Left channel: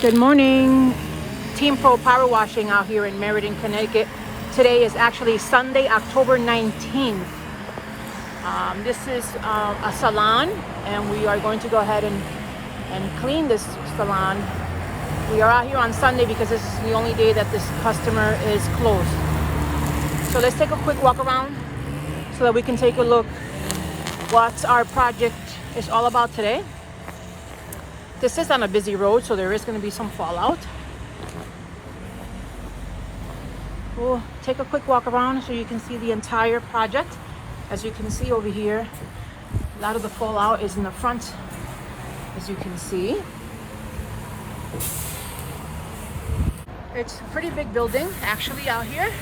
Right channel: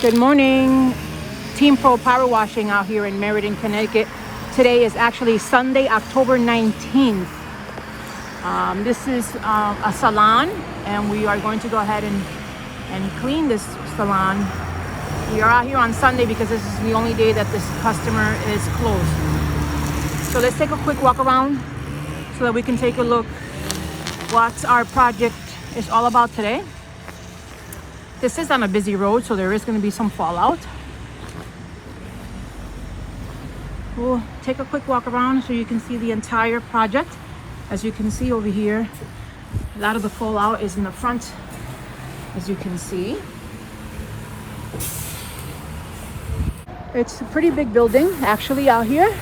Good morning, Team Pro Power Washing out here in Meriden, Connecticut. Today is actually Sunday, October 19th. This is a salon, and we are going to go ahead and clean this salon. We are out here on Sunday because this is the only day that this customer is closed. So let's take a quick walk around so that we can take a look what our project is all about today. This is on a busy road, so there is going to be some fallout. We'll take a quick walk around so you can see the entire project. As you can see over here, a lot of the fallout is in the front, as you can see. It's a pretty big building, actually, out here.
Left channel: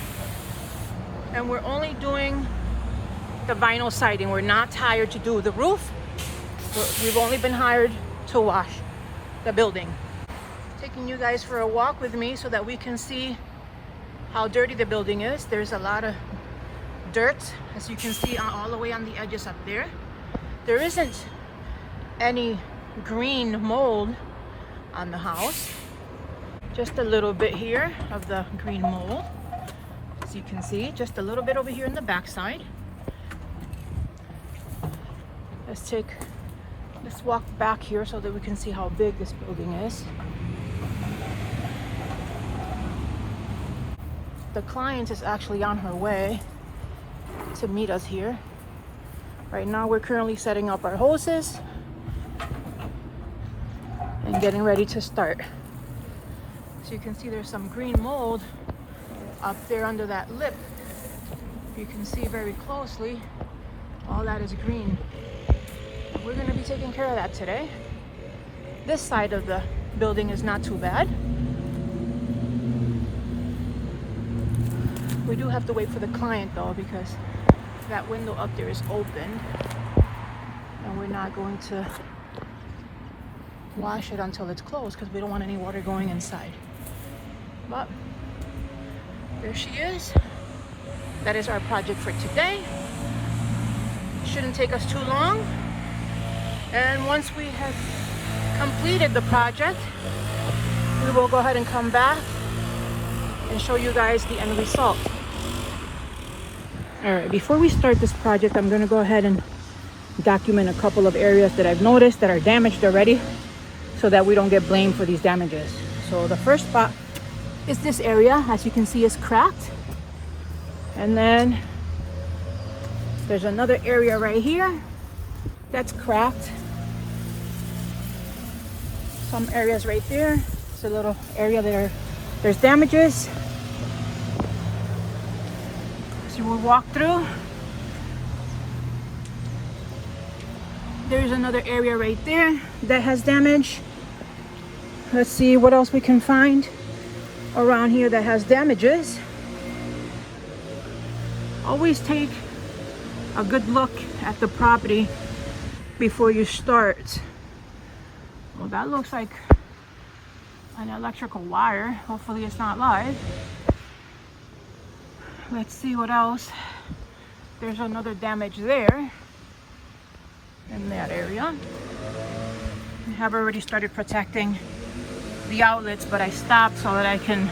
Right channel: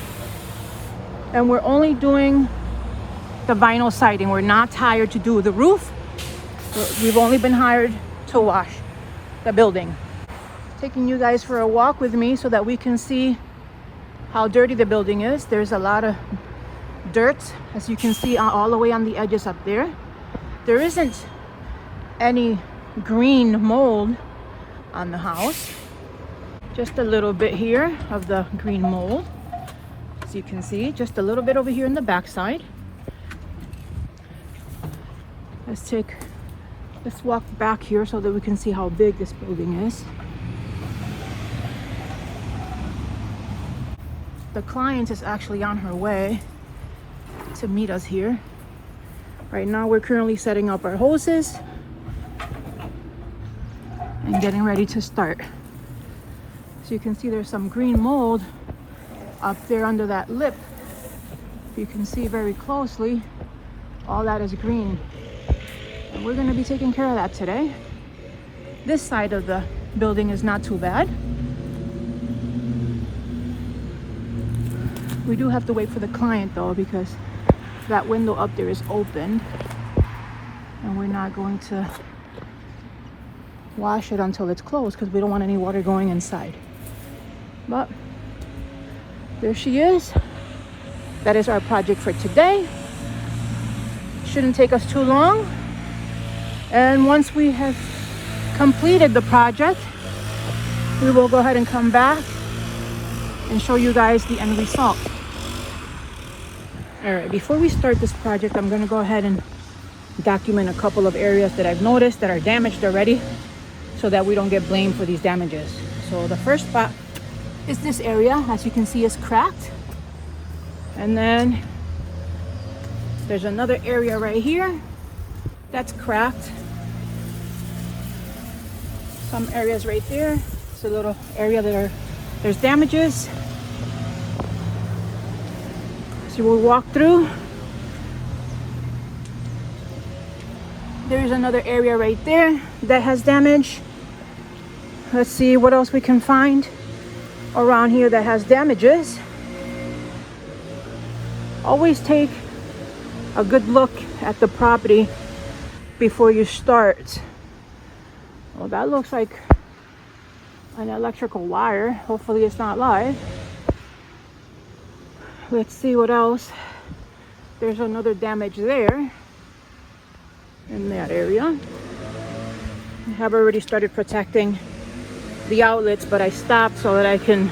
And we're only doing the vinyl siding. We're not hired to do the roof. We've only been hired to wash the building. Taking you guys for a walk with me so that we can see how dirty the building is. There's a lot of dirt, as you can see, all the way on the edges up there. There isn't any green mold on the house. Just a little bit here of the green mold, as you can see. Just a little bit over here in the back side. Let's walk back here so that we can see how big this building is. The client is actually on her way to meet us here. Right now we're currently setting up our hoses and getting ready to start. So you can see there's some green mold up there under that lip. You can see very closely, all that is green. And we're going to be taking care of that today. This side of the building is not too bad. We do have to wait for the client though, because that window up there is open and we're not going to wash it until it's closed because we don't want any water going inside. But there she is. That is our project for today. Shouldn't take us too long. And once we have completed the project, we will go ahead and come back and show you guys the end result. All right, before we start this project, I'm going to go ahead and document a couple of areas that I've noticed that are damaged already so that we don't get blamed for these damages. So the first spot is this area, as you can see, is cracked. And then there's another area right here that's cracked. Some areas right there. It's a little area there's damages. So we'll walk through. There's another area right there that has damage. Let's see what else we can find around here that has damages. Always take a good look at the property before you start. Well, that looks like an electrical wire. Hopefully it's not live. Let's see what else. There's another damage there in that area. I have already started protecting the outlets, but I stopped so that I can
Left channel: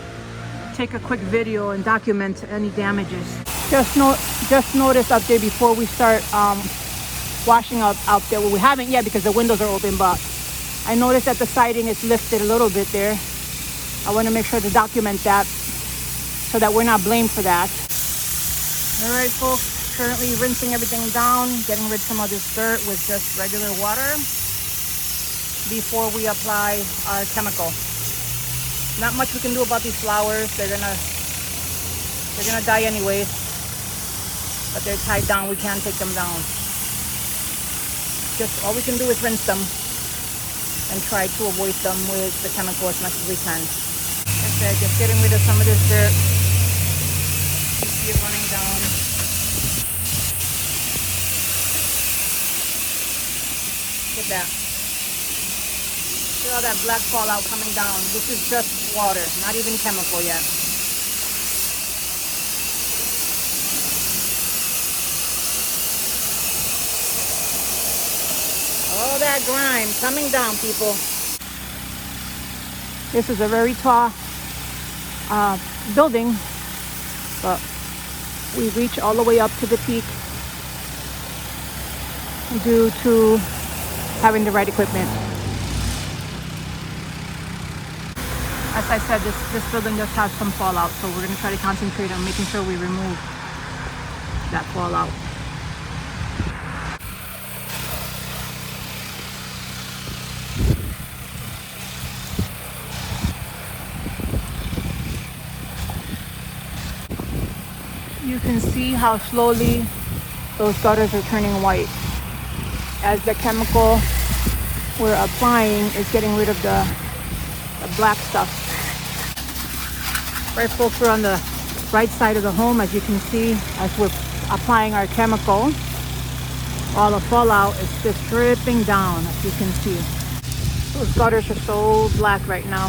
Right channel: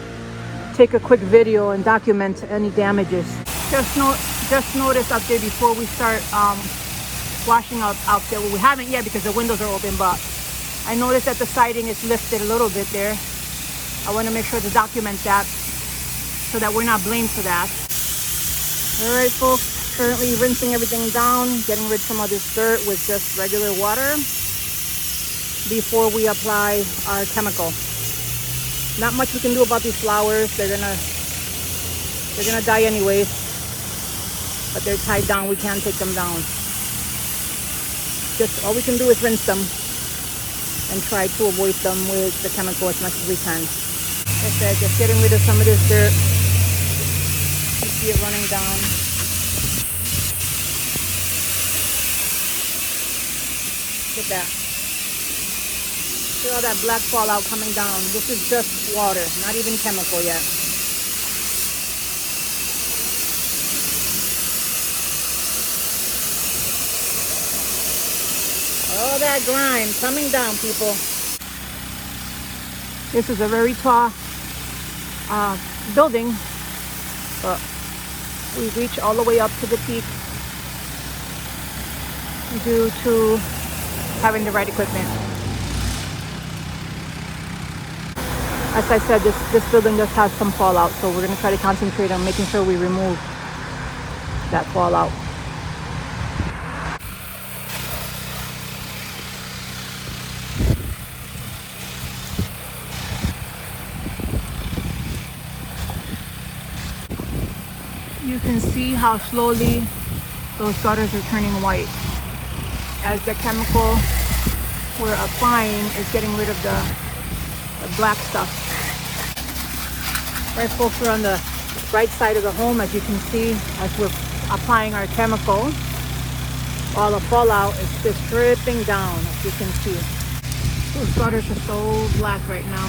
take a quick video and document any damages. Just noticed up there before we start washing out there. Well, we haven't yet because the windows are open, but I noticed that the siding is lifted a little bit there. I want to make sure to document that so that we're not blamed for that. All right, folks, currently rinsing everything down, getting rid of some of this dirt with just regular water before we apply our chemical. Not much we can do about these flowers. They're gonna die anyways, but they're tied down. We can't take them down. Just all we can do is rinse them and try to avoid them with the chemical as much as we can. Like I said, just getting rid of some of this dirt. You see it running down. Look at that. See all that black fallout coming down. This is just water, not even chemical yet. All that grime coming down, people. This is a very tall building, but we reach all the way up to the peak due to having the right equipment. As I said, this building just has some fallout, so we're going to try to concentrate on making sure we remove that fallout. You can see how slowly those gutters are turning white as the chemical we're applying is getting rid of the black stuff. Right, folks, we're on the right side of the home. As you can see, as we're applying our chemical, all the fallout is just dripping down. You can see those gutters are so black right now,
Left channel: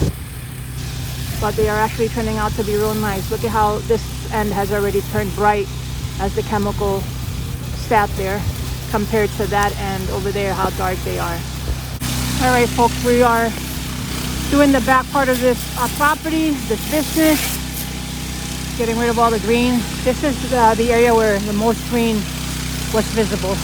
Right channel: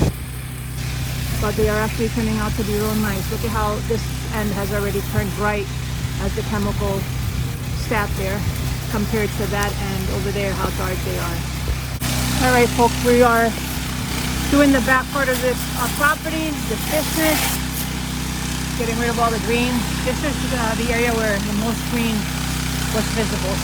but they are actually turning out to be real nice. Look at how this end has already turned bright as the chemicals sat there compared to that end over there, how dark they are. All right, folks, we are doing the back part of this property, this business, getting rid of all the green. This is the area where the most green was visible.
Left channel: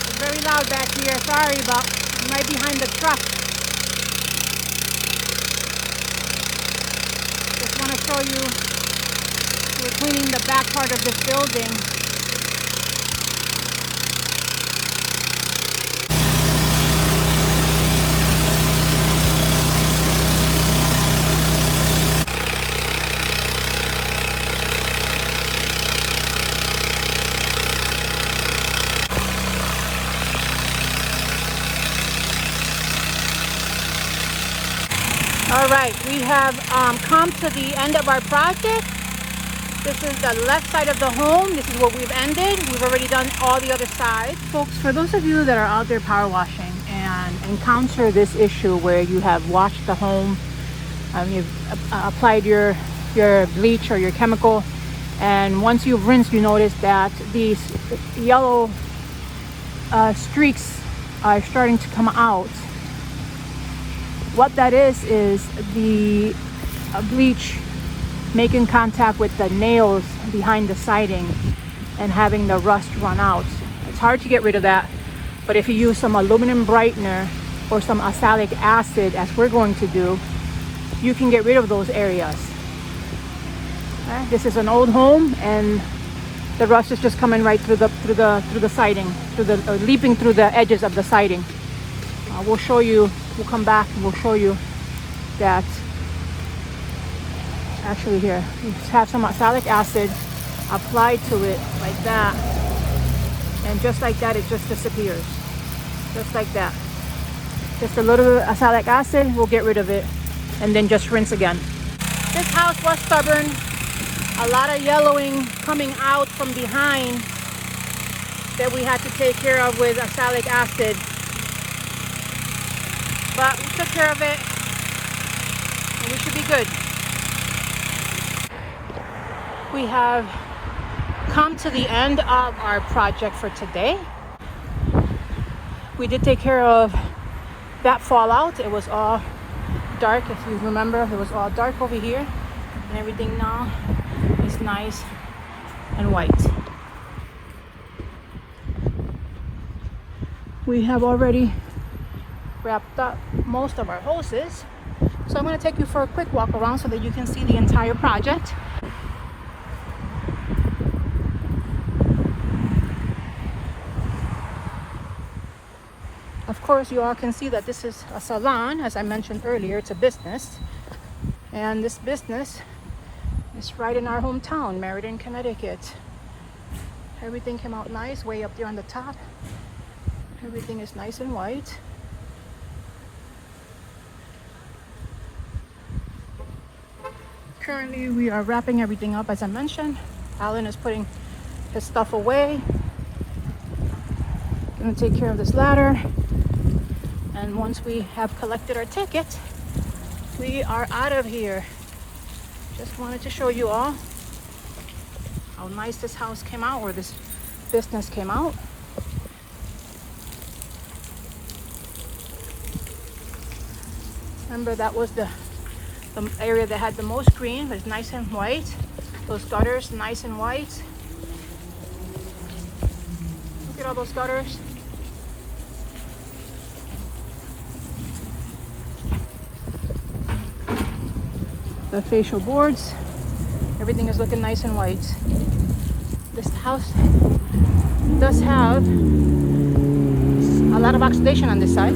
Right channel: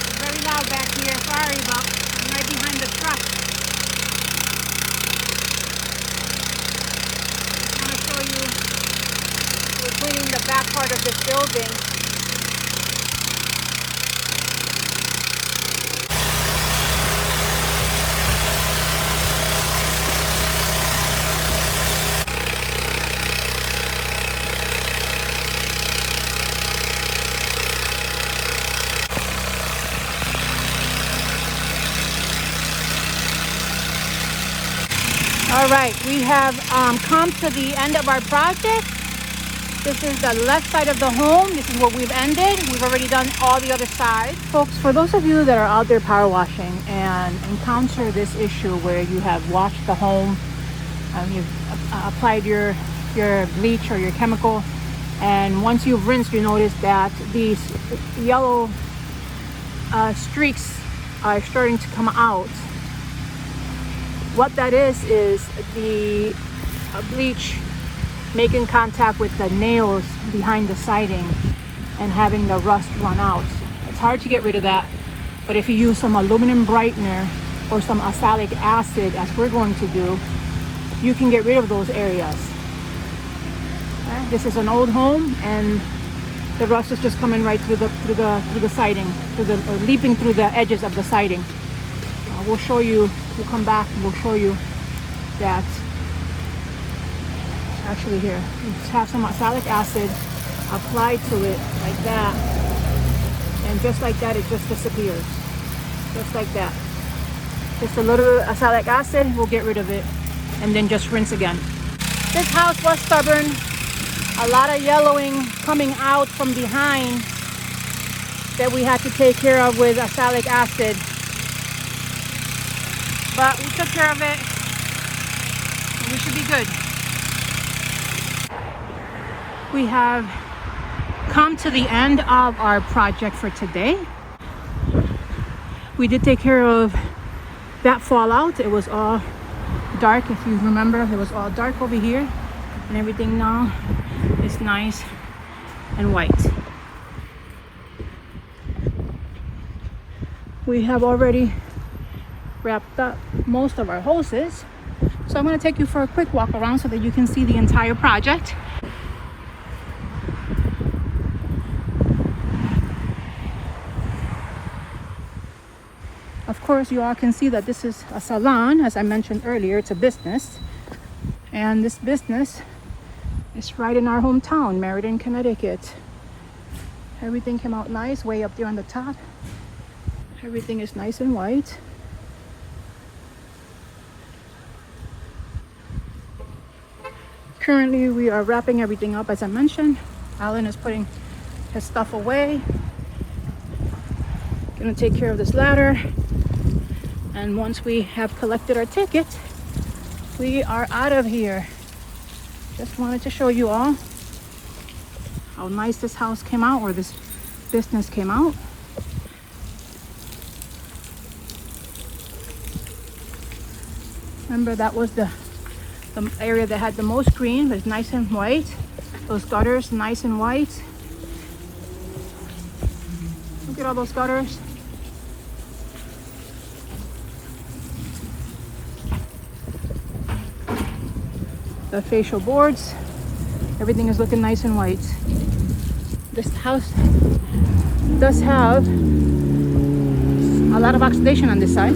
It's very loud back here, sorry, but I'm right behind the truck. Just want to show you we're cleaning the back part of this building. All right, we have come to the end of our project. This is the left side of the home. This is what we've ended. We've already done all the other sides. Folks, for those of you that are out there power washing and encounter this issue where you have washed the home, you've applied your bleach or your chemical, and once you've rinsed, you notice that these yellow streaks are starting to come out. What that is the bleach making contact with the nails behind the siding and having the rust run out. It's hard to get rid of that, but if you use some aluminum brightener or some oxalic acid, as we're going to do, you can get rid of those areas. This is an old home, and the rust is just coming right through the siding, leaping through the edges of the siding. We'll show you. We'll come back and we'll show you that. Actually, here we have some oxalic acid applied to it like that, and just like that, it just disappears. Just like that. Just a little oxalic acid will get rid of it, and then just rinse again. This house was stubborn. A lot of yellowing coming out from behind that we had to take care of with oxalic acid. But we took care of it, and we should be good. We have come to the end of our project for today. We did take care of that fallout. It was all dark, if you remember. It was all dark over here, and everything now is nice and white. We have already wrapped up most of our hoses, so I'm going to take you for a quick walk around so that you can see the entire project. Of course, you all can see that this is a salon. As I mentioned earlier, it's a business, and this business is right in our hometown, Meriden, Connecticut. Everything came out nice way up there on the top. Everything is nice and white. Currently, we are wrapping everything up, as I mentioned. Alan is putting his stuff away. Gonna take care of this ladder. And once we have collected our ticket, we are out of here. Just wanted to show you all how nice this house came out, or this business came out. Remember, that was the area that had the most green. It was nice and white. Those gutters, nice and white. Look at all those gutters. The facial boards, everything is looking nice and white. This house does have a lot of oxidation on this side.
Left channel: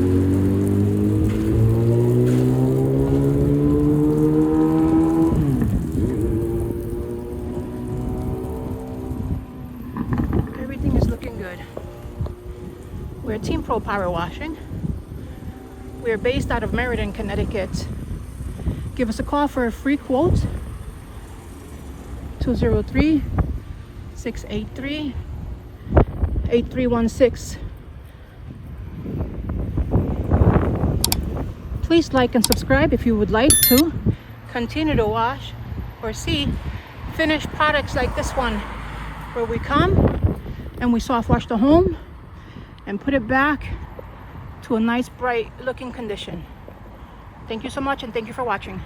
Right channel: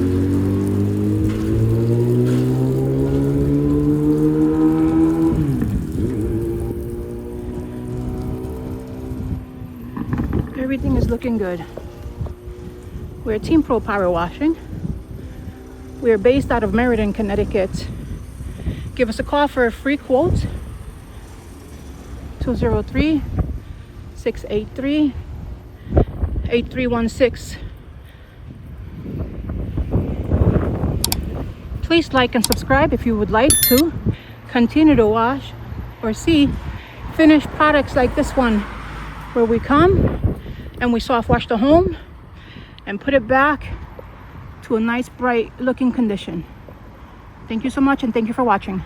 Everything is looking good. We're Team Pro Power Washing. We're based out of Meriden, Connecticut. Give us a call for a free quote. 203-683-8316. Please like and subscribe if you would like to continue to wash or see finished products like this one, where we come and we soft wash the home and put it back to a nice bright looking condition. Thank you so much, and thank you for watching.